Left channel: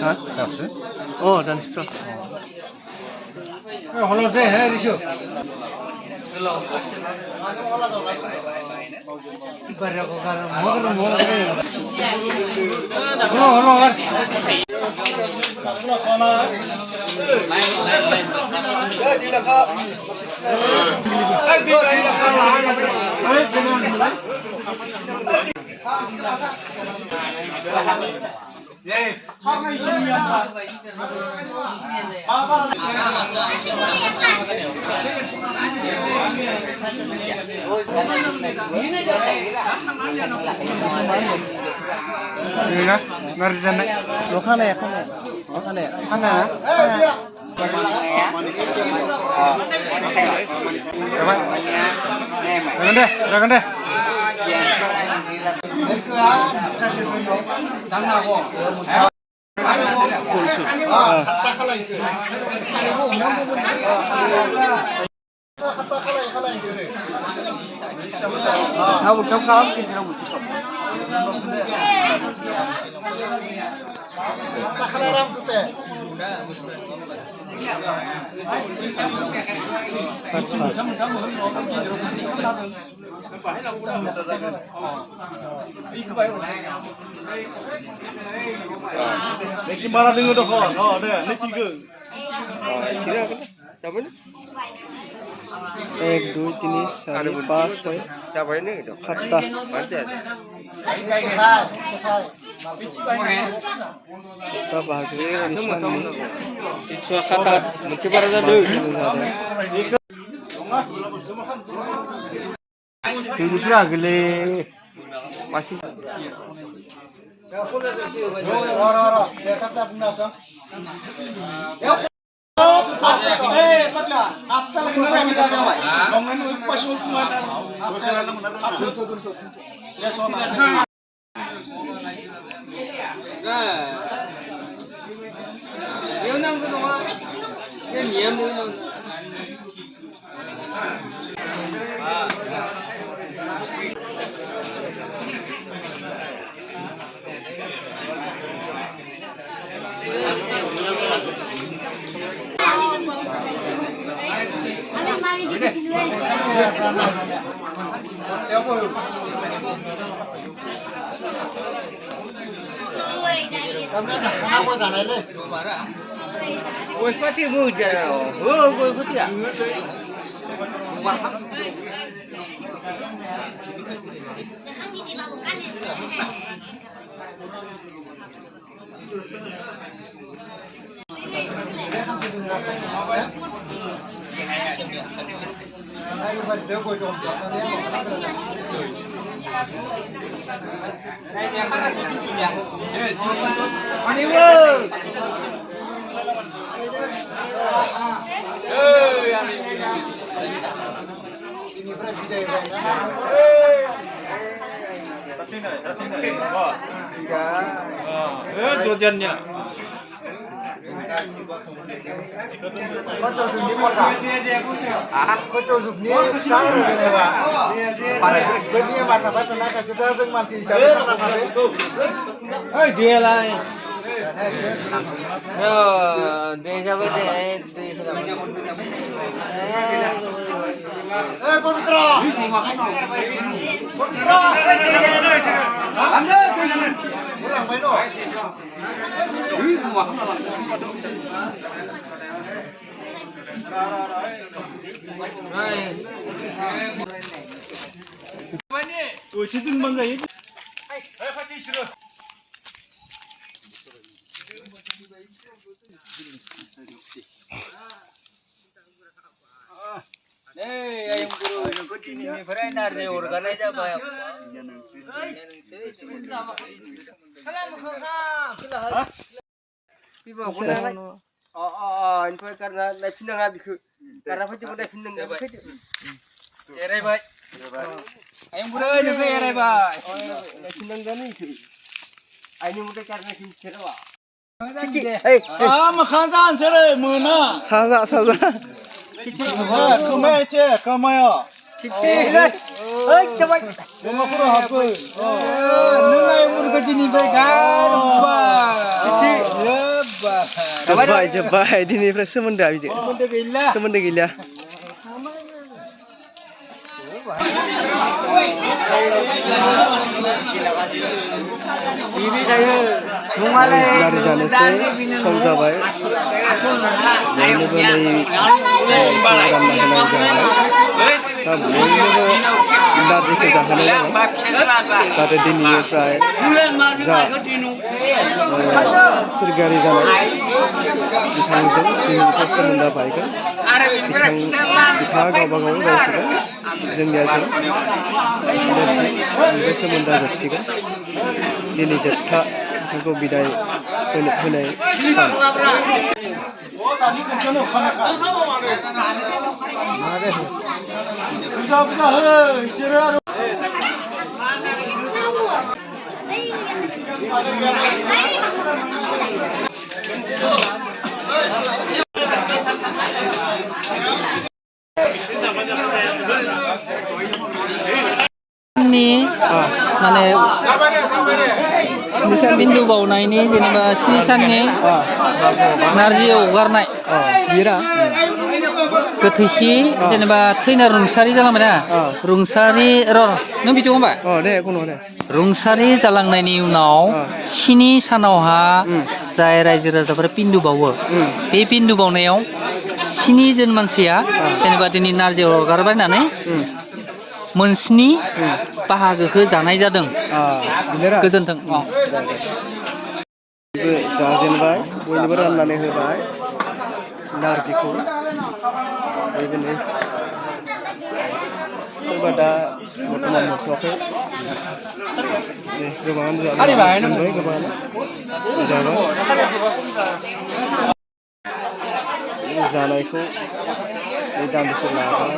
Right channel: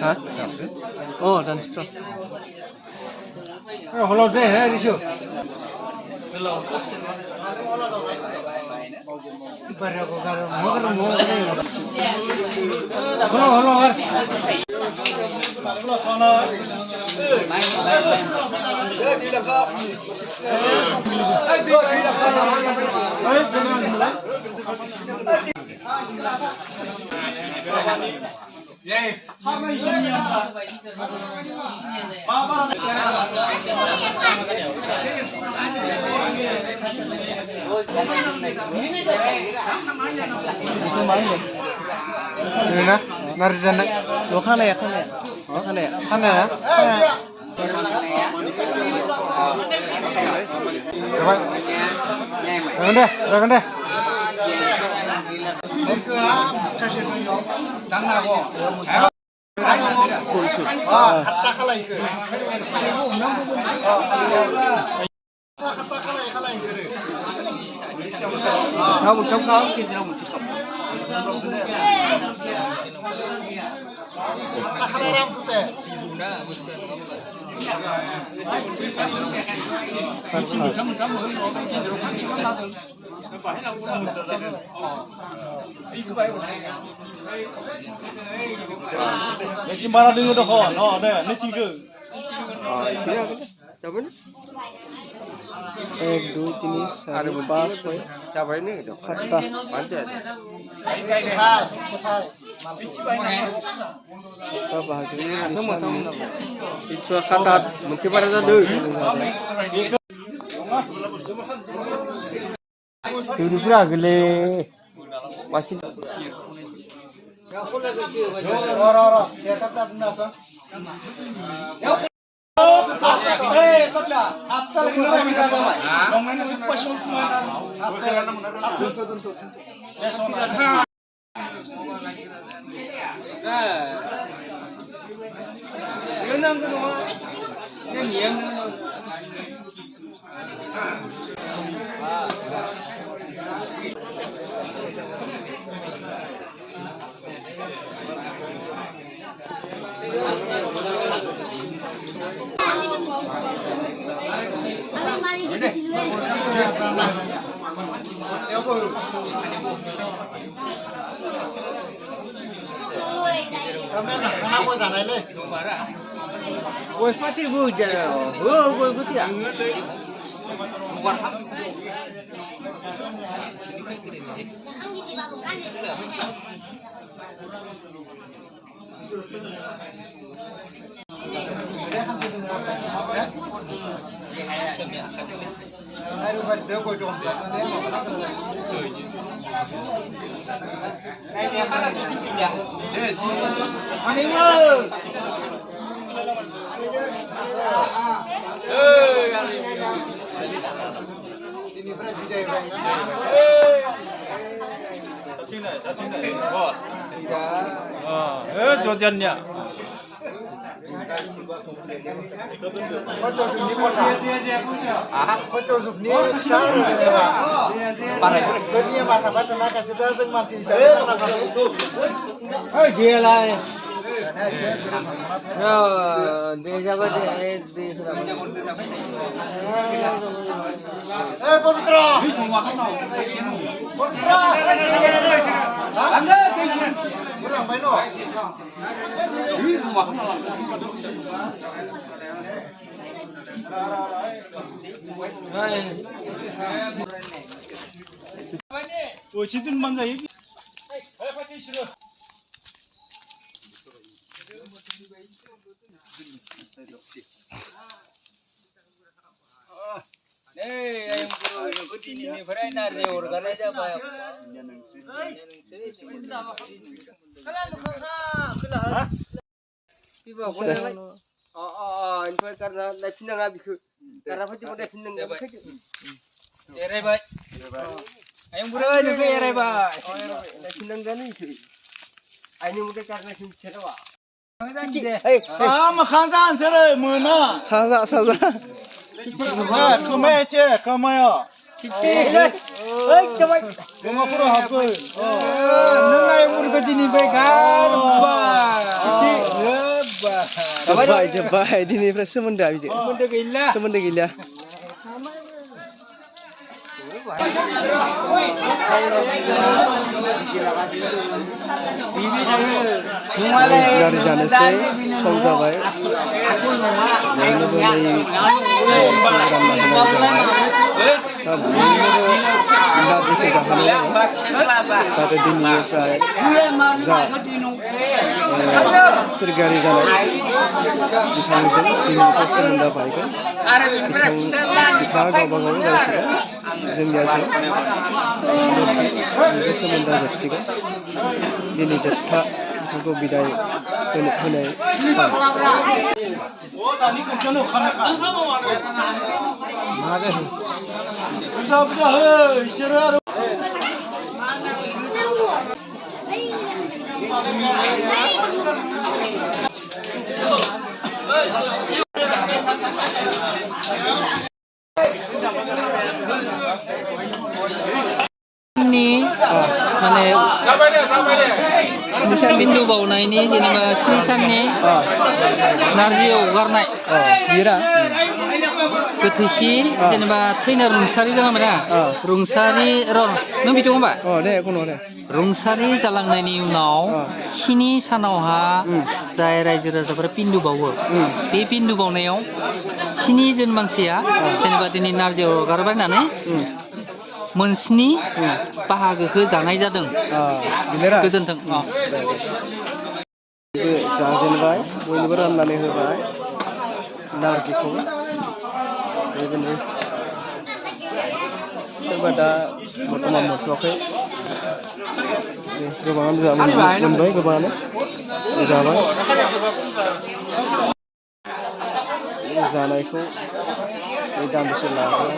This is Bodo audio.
Hả? Ồ, dan stress. Hello, đây hay đi chưa? Hello. Barra ko karo mo karo. Hello. Ini Marzana. Lo khana ya. Rakan deh. एक दो तीन चार पाँच छः सातटा सातटा बाहागो स्निसाननि मोनसे बारा जादों दैनिफ्राय आगोले मासे jojennya. Kau jujur ni kota. Kau jujur ni star je ba. Kau ni mata baca nak kasih dah seng masih siapa tak nak kasih. Hey dia lah. Yo, dia siapa dia? Pavitra. Pavitra. Anda. Kurang main no. Oh, situ mangga ini. Ayo pakai situ. Ayam guru ini berai nari organ aja banyak. Ini karena naik pinang habis karena pasti mau naik pinang habis. Erai baik. Ayam guru ini erai baik. Naik pinang kan ini. Ini mungkin karena kita apa? Makan saja mana? Saja. खोमायाचे खोमाया ओइ जाबाय खोमाफोराव हाबो नों आयं बुरैखौ दिनैनिफ्राय गारबाय जोब्बाय दिनैनिफ्राय सोमोन्दोआ बिदि सोमोन्दो गैला गारि जानोसै सम जाबाय बयनोबो नै रानना होनाय जाबाय दा बयनोबो नारजिखौ जाहोनाय जाबाय जाहाथे दिनैनिफ्राय जा सोरगोआरि जानाय बिथांजों दिनैनिफ्राय सोमोन्दोआ बायगोन बिथाङा गावबा गाव जासिगोन जोंनिया जों बिनिफ्राय सोमोन्दोआ जोबसिगोन दिनै जोबथा बिथांखौ बिदाय होनाय सान माने बिन्दु बावनायनि जेनेबा 7 साननि नारजि अरगारनाय बिरा गोथैसि जेनेबा थैना रुंसारि जालांबायना रुंसारि नों बिदि होनबा दे कुनु दे रुंसारि जालांनायनि उनाव 7 सानावहा जाय रायजो राजाफोरा पिन्दु बावो बे पिन्दु बावनायाव 7 जन मानसिया जेनेबा दिनै नारजि अरगारबाय होननानै मोनस्नि बाहागोखौ जानाय जादों गोजोन्थों जाजेनबाय बयनोबो राननानै होबाय नारजिखौ बेबायदिनो सोरबा दा बर्थमान मोनथ'वाखै गोबाङानो मोनबाय गोबाङानो जाबाय जानायखौ दान्दिसे लागोन